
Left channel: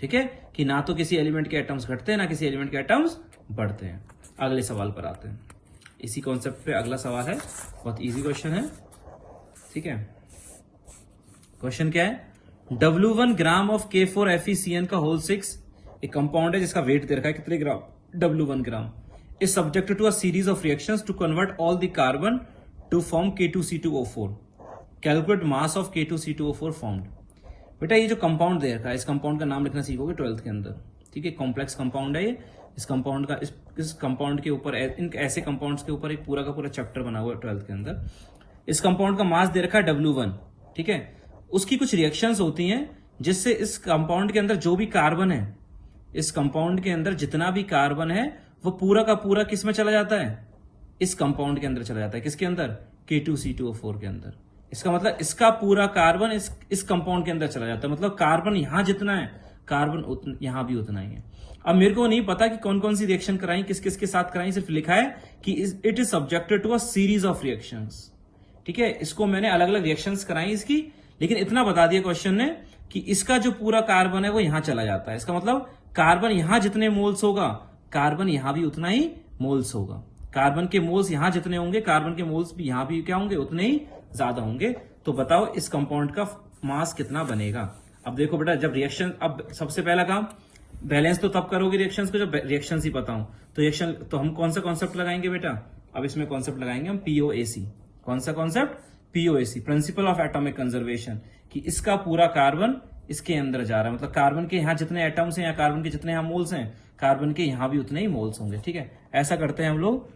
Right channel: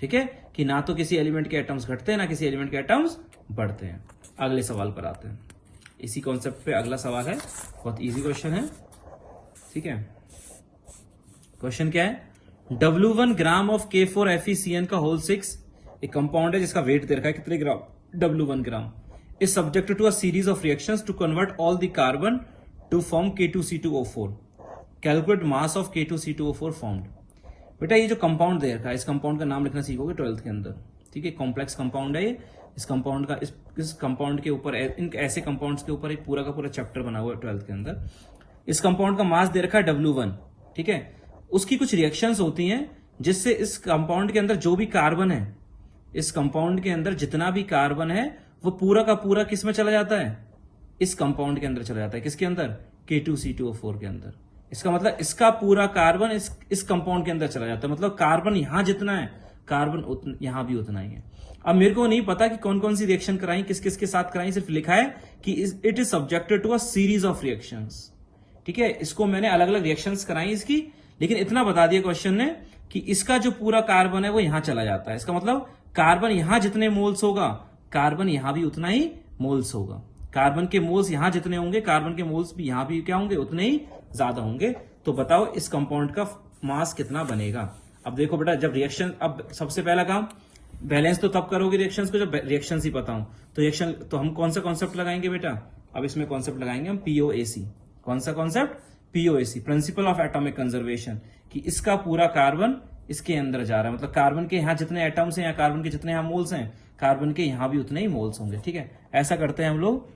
ठीक है, कि ना तो किसी एलिमेंट के एटम्स घटते हैं ना किसी एलिमेंट के एटम्स बढ़ते हैं। अगले सवाल पर आते हैं। इसी कॉन्सेप्ट पे अगला सवाल है, बहुत इजी क्वेश्चन है। ठीक है, क्वेश्चन क्या है? W1 ग्राम ऑफ K4FeCN का होल 6 एक कंपाउंड है जिसका वेट दे रखा है कितने gram? W1 gram. Is subjected to a series of reactions to convert all the carbon to form K2C2O4। Calculate mass of K2C2O4 formed. बेटा ये जो कंपाउंड दे रखा है, इस कंपाउंड का नाम लिखना सीखोगे 12th के अंदर, ठीक है। कॉम्प्लेक्स कंपाउंड है ये। इस कंपाउंड का इस कंपाउंड के ऊपर, इन ऐसे कंपाउंड्स के ऊपर एक पूरा का पूरा चैप्टर बना हुआ है 12th के अंदर। इस कंपाउंड का मास दे रखा है W1, ठीक है। उसकी कुछ रिएक्शंस होती हैं जिससे इस कंपाउंड के अंदर जो भी कार्बन है, इस कंपाउंड के अंदर जितना भी कार्बन है वो पूरा का पूरा किस में चला जाता है, इस कंपाउंड के अंदर चला जाता है। किसके अंदर? K2C2O4 के अंदर। इसका मतलब इसका पूरा कार्बन इस कंपाउंड के अंदर चला जाता है। मतलब कार्बन यहां जितना है, कार्बन यहां भी उतना ही है। अब मेरे को नहीं पता कि कौन कौन सी रिएक्शन कराई, किस किस के साथ कराई, सिर्फ लिखा है कि it is subjected to a series of reactions, ठीक है। इसको मैंने अलग अलग रिएक्शंस कराई इसकी, लेकिन इतना बता दिया क्वेश्चन ने कि इसका जो पूरा कार्बन है वो यहां चला जाता है। इसका मतलब कार्बन यहां जितने मोल्स होगा, कार्बन यहां भी उतना ही मोल्स होगा। कार्बन के मोल्स यहां जितने होंगे, कार्बन के मोल्स भी यहां भी क्या होंगे, उतने ही ज्यादा होंगे। तो बताओ इस कंपाउंड का मास कितना बनेगा। अब देखो बेटा, जब रिएक्शन, अब सबसे पहला काम बैलेंस तो तब करोगे रिएक्शंस को जब रिएक्शंस ही पता हो। तो रिएक्शन तो हम कौन सा कॉन्सेप्ट लगाएंगे बेटा, अब इसमें कॉन्सेप्ट लगाएंगे हम POAC। कौन सा concept? POAC, principal of atomic conservation, कि इसका पूरा कार्बन इसके अंदर जा रहा है। मतलब कार्बन के यहाँ जितने एटम्स हैं या कार्बन के जितने यहाँ मोल्स हैं, कार्बन के यहाँ भी उतने ही मोल्स होंगे, ठीक है। ऐसा करते हैं हम लोग,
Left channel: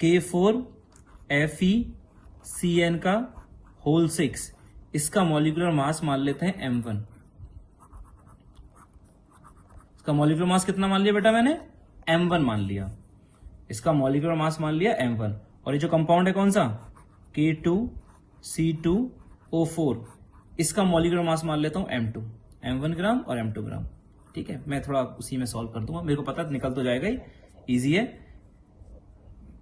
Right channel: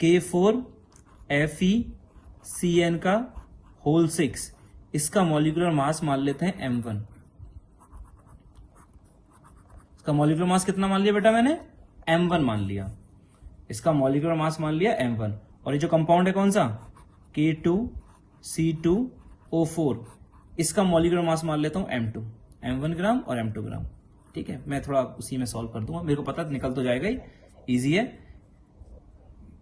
K4FeCN का होल 6, इसका मॉलिक्यूलर मास मान लेते हैं M1। इसका मॉलिक्यूलर मास कितना मान लिया बेटा मैंने? M1 मान लिया। इसका मॉलिक्यूलर मास मान लिया M1। और ये जो कंपाउंड है कौन सा? K2C2O4, इसका मॉलिक्यूलर मास मान लेता हूं M2। M1 ग्राम और M2 ग्राम, ठीक है। मैं थोड़ा उसी में सॉल्व कर दूंगा, मेरे को पता निकल तो जाएगा, इजी है।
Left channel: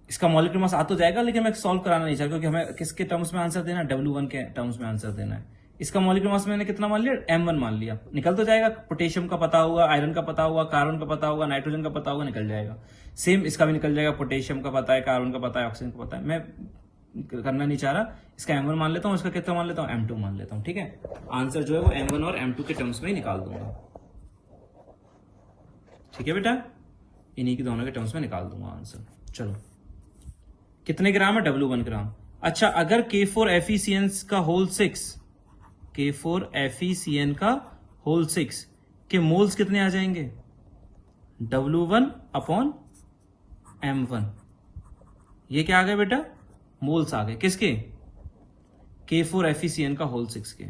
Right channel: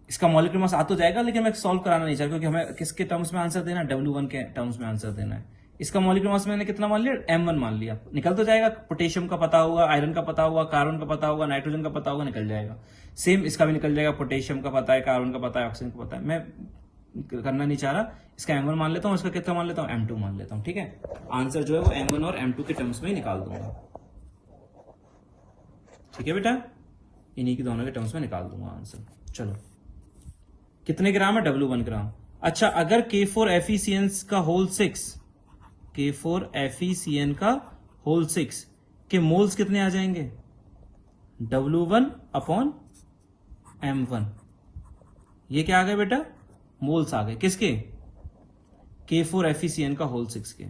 इसका मॉलिक्यूलर मास आ तो जाएगा, लेकिन मैं सॉल्व कराना नहीं चाहता क्योंकि हमें किसके टर्म्स में आंसर देना है, W1 के टर्म्स में आंसर देना है। इसका मॉलिक्यूलर मास मैंने कितना मान लिया? M1 मान लिया। निकल तो जाएगा, पोटेशियम का पता होगा, आयरन का पता होगा, कार्बन का पता होगा, नाइट्रोजन का पता होगा, निकल जाएगा। सेम इसका भी निकल जाएगा, पोटेशियम का पता है, कार्बन का पता है, ऑक्सीजन का पता है। मैं करना नहीं चाह रहा, इसका M1 मान लेता हूँ, इसका कितना मान लेता हूँ? M2 मान लेता हूँ, ठीक है। आंसर जो है वो M1 और M2 के टर्म्स में ही निकाल दूंगा, ठीक है बेटा। इन्हीं के दोनों के टर्म्स में निकाल दूंगा आंसर। चलो, कितने ग्राम है? W1 ग्राम। अच्छा, अगर K4FeCN का होल 6, K4FeCN का होल 6 के मोल्स कितने आ जाएंगे? W1/M1। ये क्या आ गए बेटा? मोल्स आ गए। किसके? K4FeCN का होल 6 के।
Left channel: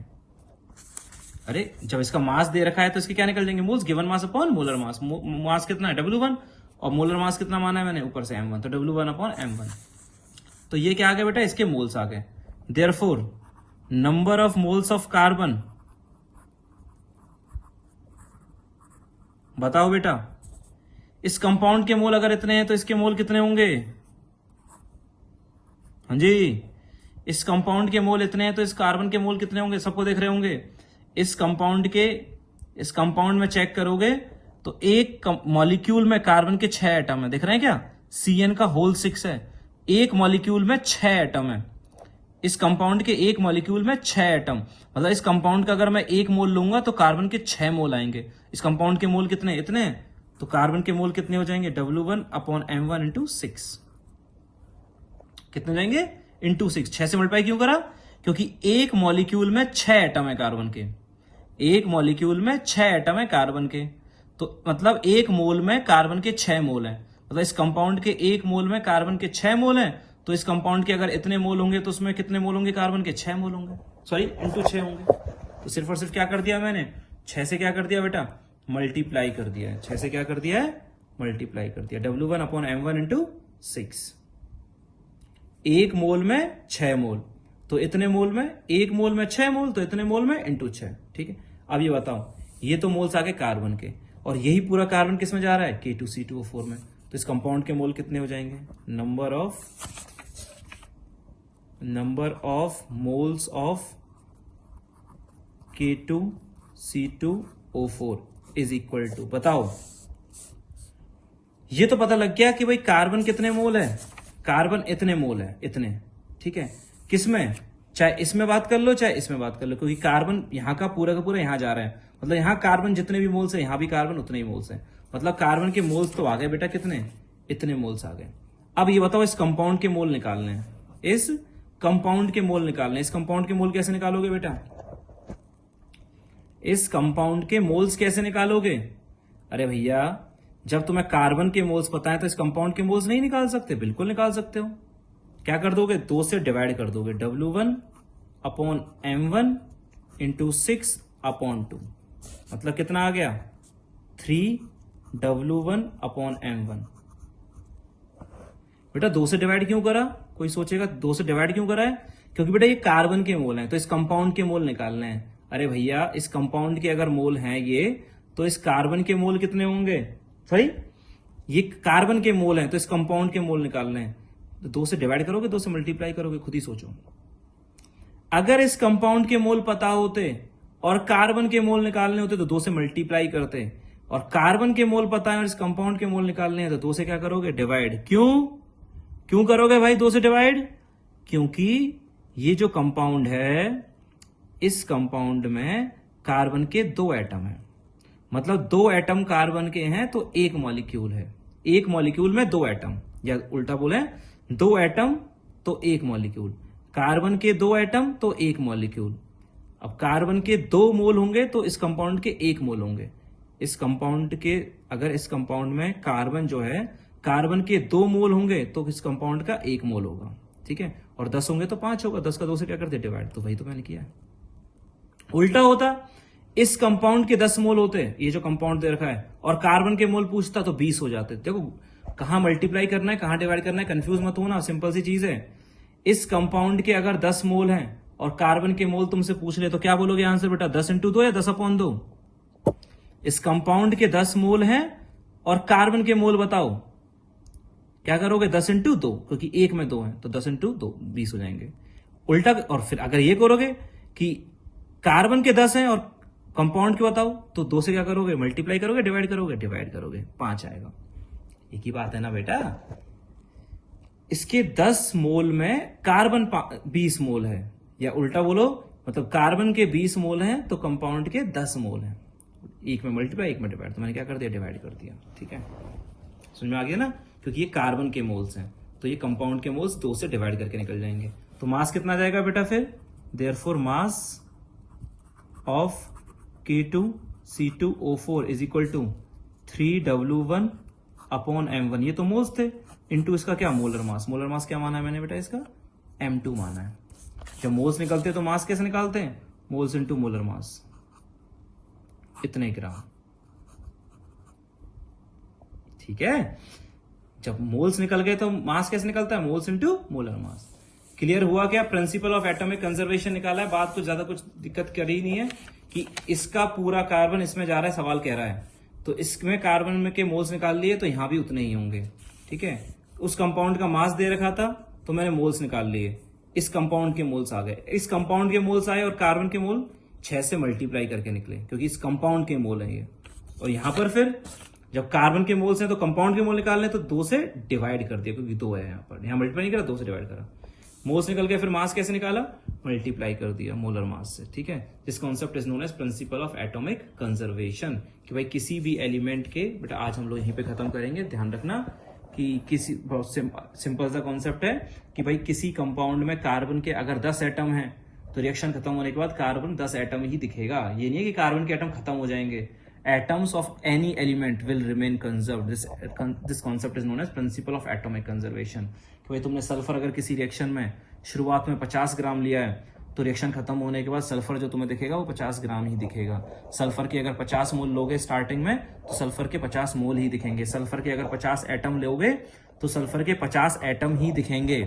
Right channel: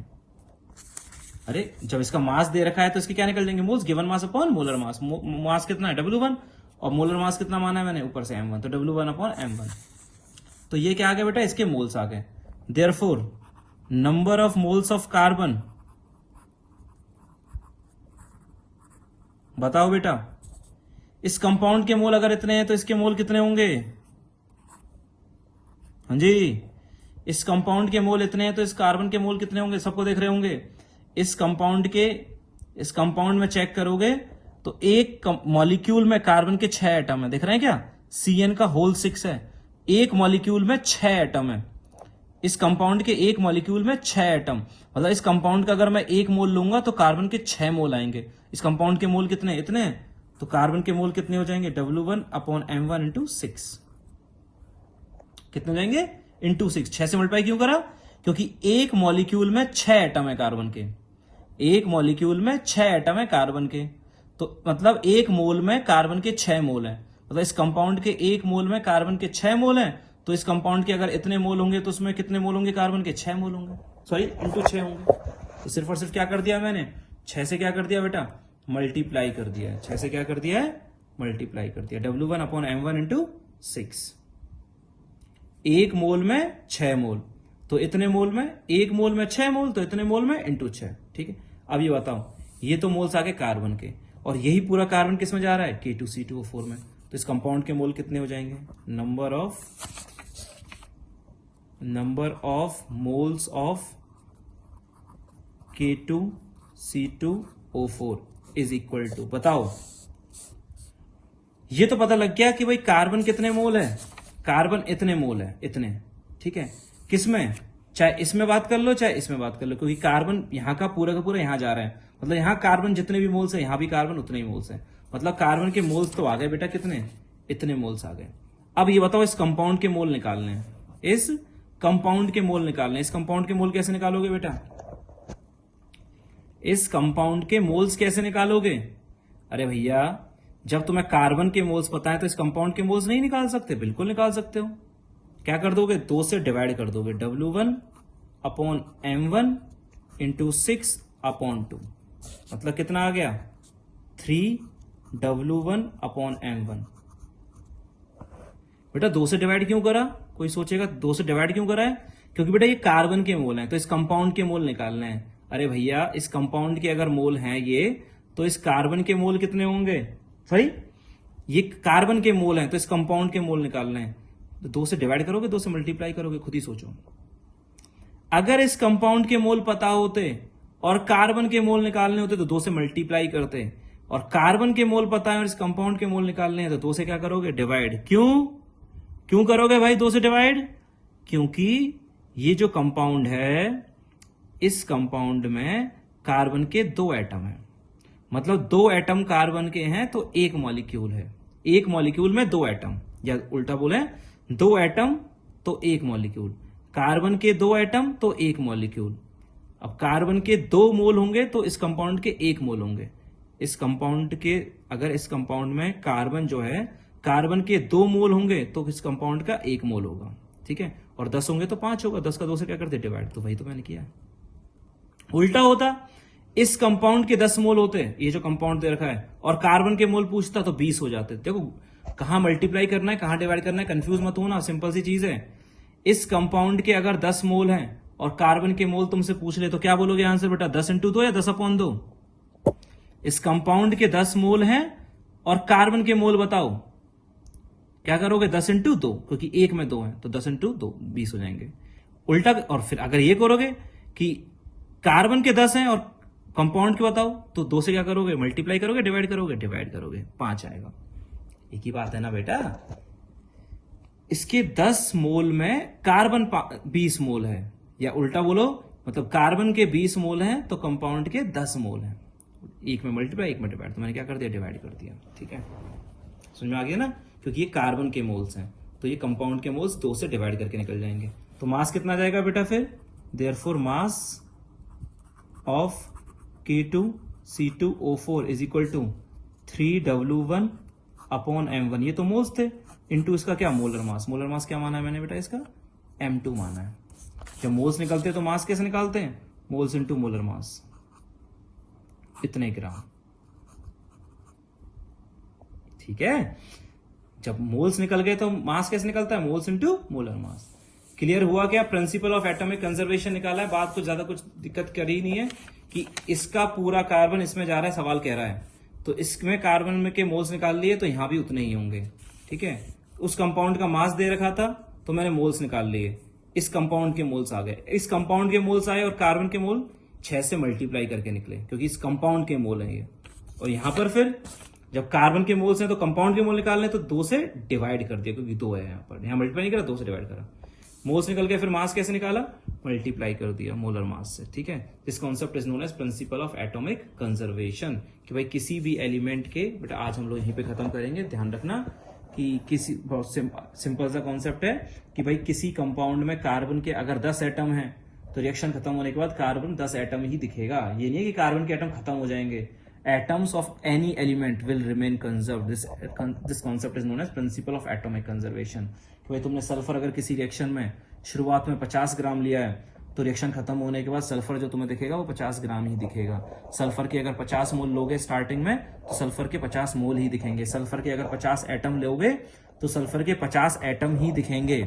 अरे जब इसका मास दे रखा है तो इसके क्या निकल जाएंगे? Moles. Given mass upon molar mass. Mass कितना है? W1, और मोलर मास कितना माना है मैंने? ऊपर से M1, तो W1/M1। तो ये क्या आ गया बेटा? इसके मोल्स आ गए। Therefore number of moles of carbon, बताओ बेटा। इस कंपाउंड के मोल अगर इतने हैं तो इसके मोल कितने होंगे? हाँ जी, इस कंपाउंड के मोल इतने हैं तो इस कार्बन के मोल कितने होंगे? सबको देख रहे होंगे। इस कंपाउंड में चेक करोगे तो एक मॉलिक्यूल में कार्बन के 6 एटम है, देख रहे हैं क्या? CN का होल 6 है, एक मॉलिक्यूल में 6 एटम है। इस कंपाउंड के एक मॉलिक्यूल में 6 एटम, मतलब इस कंपाउंड का अगर मैं 1 मोल लूंगा तो कार्बन के 6 मोल आएंगे। इस कंपाउंड के मोल कितने? इतने। तो कार्बन के मोल कितने हो जाएंगे? W1/M1 into 6। कितने जाएंगे? इंटू 6। 6 से मल्टीप्लाई क्यों करा? क्योंकि एक मॉलिक्यूल में 6 एटम है कार्बन के, एक मॉलिक्यूल में 6 एटम है कार्बन के। तो मतलब एक मोल में कार्बन के 6 मोल है। मतलब इस कंपाउंड के एक मोल में कार्बन के 6 मोल है। तो इस कंपाउंड के अगर इतने मोल होंगे तो उसमें कितने मोल होंगे? कार्बन के 6 मोल होंगे, सॉरी इंटू 6 होंगे। तो सिर्फ और सिर्फ क्या कर दिया मैंने? 6 से क्या कर दिया बेटा? मल्टीप्लाई कर दिया। 6 से क्या कर दिया है? मल्टीप्लाई कर दिया। W1/M1 into 6। एक मोल में 6 मोल, तो इतने मोल में, एक मोल में 6 मोल, तो इतने मोल में इंटू 6, ठीक है। अब ये बताओ, ये तो मोल्स आ गए कार्बन के, और यही पूरा कार्बन किस में जा रहा है? K2C2O4 में। तो इस कंपाउंड के मोल कितने हो जाएंगे? Number of moles of K2C2O4 is equal to, बताओ। ये तो पता लग गया कि भाई कार्बन कितने मोल है, कार्बन इतने मोल है, इतने, ठीक है। किसमें? चाहे इसमें बात कर लो चाहे इसमें बात कर लो, क्योंकि कार्बन यहाँ का पूरा यहाँ जा रहा है। मतलब यहाँ कार्बन जितने भी मोल्स है, यहाँ भी कार्बन उतने ही मोल्स है। मतलब कार्बन के मोल्स तो आ गए बेटा, कितने? इतने मोल्स आ गए। अब ये बताओ, इस कंपाउंड के मोल निकालने हैं। इस कंपाउंड के मोल निकालने। इस कंपाउंड के मोल कैसे निकालोगे बेटा? इस कंपाउंड के मोल्स कैसे निकालोगे? अरे भैया, जब तुम्हें कार्बन के मोल्स पता है तो इस कंपाउंड के मोल्स नहीं निकाल सकते? बिल्कुल निकाल सकते हो। क्या कर दोगे? 2 से डिवाइड कर दोगे। W1/M1 इंटू 6/2, मतलब कितना आ गया? 3W1/M1। बेटा 2 से डिवाइड क्यों करा? कोई सोचेगा 2 से डिवाइड क्यों करा है? क्योंकि बेटा ये कार्बन के मोल हैं, तो इस कंपाउंड के मोल निकालना है। अरे भैया, इस कंपाउंड के अगर मोल हैं ये, तो इस कार्बन के मोल कितने होंगे? भाई ये कार्बन के मोल हैं, तो इस कंपाउंड के मोल निकालने हैं। तो 2 से डिवाइड करोगे, 2 से मल्टीप्लाई करोगे, खुद ही सोचो। अगर इस कंपाउंड के मोल पता होते और कार्बन के मोल निकालने होते तो 2 से मल्टीप्लाई करते, और कार्बन के मोल पता है और इस कंपाउंड के मोल निकालने हैं तो 2 से क्या करोगे? डिवाइड। क्यों करोगे भाई 2 से डिवाइड? क्योंकि ये जो कंपाउंड है, इस कंपाउंड में कार्बन के 2 एटम हैं, मतलब 2 एटम कार्बन के हैं तो 1 मॉलिक्यूल है। 1 मॉलिक्यूल में 2 एटम, या उल्टा बोला, 2 एटम तो 1 मॉलिक्यूल। कार्बन के 2 एटम तो 1 मॉलिक्यूल। अब कार्बन के 2 मोल होंगे तो इस कंपाउंड के 1 मोल होंगे। इस कंपाउंड के, अगर इस कंपाउंड में कार्बन जो है, कार्बन के 2 मोल होंगे तो इस कंपाउंड का 1 मोल होगा, ठीक है। और 10 होंगे तो 5 होगा। 10 का 2 से क्या करते? डिवाइड। तो वही तो मैंने किया। उल्टा होता, इस कंपाउंड के 10 मोल होते, ये जो कंपाउंड दे रखा है, और कार्बन के मोल पूछता तो 20 हो जाते। देखो कहां मल्टीप्लाई करना है, कहां डिवाइड करना है, कंफ्यूज मत हो ना, सिंपल सी चीज है। इस कंपाउंड के अगर 10 मोल हैं और कार्बन के मोल तुमसे पूछ ले तो क्या बोलोगे यहां से बेटा? 10 इंटू 2 या 10/2? इस कंपाउंड के 10 मोल हैं और कार्बन के मोल बताओ, क्या करोगे? 10 इंटू 2, क्योंकि 1 में 2 है तो 10 इंटू 2 20 हो जाएंगे। उल्टा, और फिर अगर ये करोगे कि कार्बन के 10 हैं और कंपाउंड के बताओ, तो 2 से क्या करोगे? मल्टीप्लाई करोगे, डिवाइड करोगे, 5 आएगा। एक ही बात है ना बेटा। इसके 10 मोल में कार्बन 20 मोल है, या उल्टा बोलो, मतलब कार्बन के 20 मोल हैं तो कंपाउंड के 10 मोल हैं। एक में मल्टीप्लाई, एक में डिवाइड, तो मैंने क्या कर दिया? डिवाइड कर दिया, ठीक है। समझ में आ गया ना? क्योंकि ये कार्बन के मोल्स हैं तो ये कंपाउंड के मोल्स 2 से डिवाइड करके निकल जाएंगे। तो मास कितना जाएगा बेटा फिर? Therefore mass of K2C2O4 is equal to 3W1/M1। ये तो मोल्स थे, इंटू इसका क्या? Molar mass. मोलर मास क्या माना है मैंने बेटा? इसका M2 माना है। जब मोल्स निकलते हैं तो मास कैसे निकालते हैं? मोल्स इंटू मोलर मास, इतने ग्राम, ठीक है। जब मोल्स निकल गए तो मास कैसे निकलता है? Moles into molar mass. Clear हुआ क्या? प्रिंसिपल ऑफ एटॉमिक कंजर्वेशन निकाला है। बात तो ज्यादा कुछ दिक्कत कर ही नहीं है कि इसका पूरा कार्बन इसमें जा रहा है, सवाल कह रहा है तो इसमें कार्बन में के मोल्स निकाल लिए तो यहां भी उतने ही होंगे, ठीक है। उस कंपाउंड का मास दे रखा था तो मैंने मोल्स निकाल लिए, इस कंपाउंड के मोल्स आ गए। इस कंपाउंड के मोल्स आए और कार्बन के मोल 6 से मल्टीप्लाई करके निकले, क्योंकि इस कंपाउंड के मोल है ये। और यहां पर फिर जब कार्बन के मोल्स हैं तो कंपाउंड के मोल निकालने तो 2 से डिवाइड कर दिया, क्योंकि 2 है यहाँ पर। यहाँ मल्टीप्लाई नहीं करा, 2 से डिवाइड करा। मोल्स निकल गए, फिर मास कैसे निकाला? मल्टीप्लाई कर दिया मोलर मास से, ठीक है। This concept is known as principle of atomic conservation. कि भाई किसी भी एलिमेंट के, बेटा आज हम लोग यहीं पे खत्म करेंगे, ध्यान रखना कि किसी, बहुत सिंपल सा कॉन्सेप्ट है कि भाई किसी कंपाउंड में कार्बन के अगर 10 एटम है तो रिएक्शन खत्म होने के बाद कार्बन 10 एटम ही दिखेगा। ये नहीं है कि कार्बन के एटम खत्म हो जाएंगे। Atoms of any element will remain conserved. This concept is known as principle of atomic conservation. कि भाई तुमने सल्फर अगर किसी रिएक्शन में शुरुआत में 50 ग्राम लिया है तो रिएक्शन खत्म होने के बाद सल्फर जो तुम्हें दिखेगा वो 50 ग्राम ही दिखेगा। सल्फर के अगर 50 मोल लोगे स्टार्टिंग में तो सल्फर के 50 मोल ही दिखेंगे। सल्फर के अगर 50 एटम लोगे तो सल्फर के 50 एटम ही दिखेंगे,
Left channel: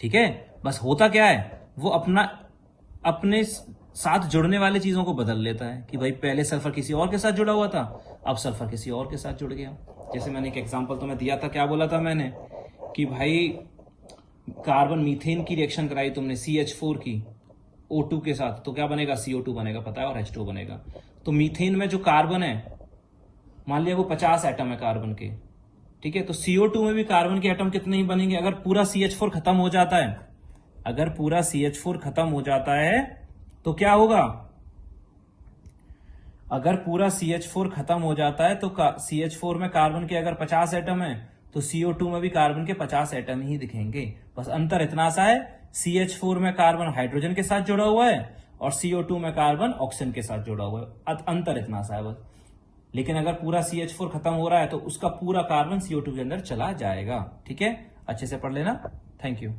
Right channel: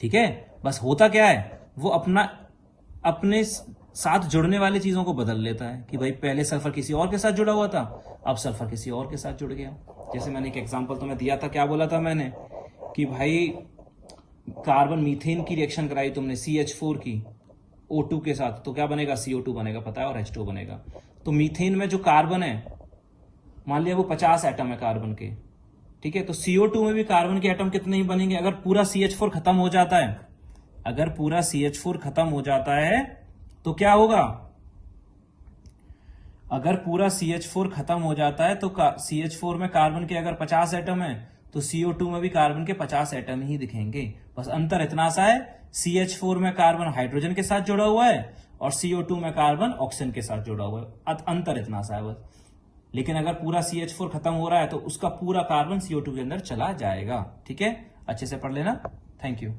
ठीक है। बस होता क्या है, वो अपने साथ जुड़ने वाले चीजों को बदल लेता है कि भाई पहले सल्फर किसी और के साथ जुड़ा हुआ था, अब सल्फर किसी और के साथ जुड़ गया। जैसे मैंने एक एग्जांपल तुम्हें दिया था, क्या बोला था मैंने कि भाई कार्बन मीथेन की रिएक्शन कराई तुमने CH4 की O2 के साथ, तो क्या बनेगा? CO2 बनेगा, पता है, H2 बनेगा। तो मीथेन में जो कार्बन है, मान लिया वो 50 एटम है कार्बन के, ठीक है। तो CO2 में भी कार्बन के एटम कितने ही बनेंगे? अगर पूरा CH4 खत्म हो जाता है, अगर पूरा CH4 खत्म हो जाता है तो क्या होगा? अगर पूरा CH4 खत्म हो जाता है तो CH4 में कार्बन के अगर 50 एटम है तो CO2 में भी कार्बन के 50 एटम ही दिखेंगे। बस अंतर इतना सा है, CH4 में कार्बन हाइड्रोजन के साथ जुड़ा हुआ है और CO2 में कार्बन ऑक्सीजन के साथ जुड़ा हुआ है। अंतर इतना सा है बस। लेकिन अगर पूरा CH4 खत्म हो रहा है तो उसका पूरा कार्बन CO2 के अंदर चला जाएगा। ठीक है, अच्छे से पढ़ लेना। Thank you.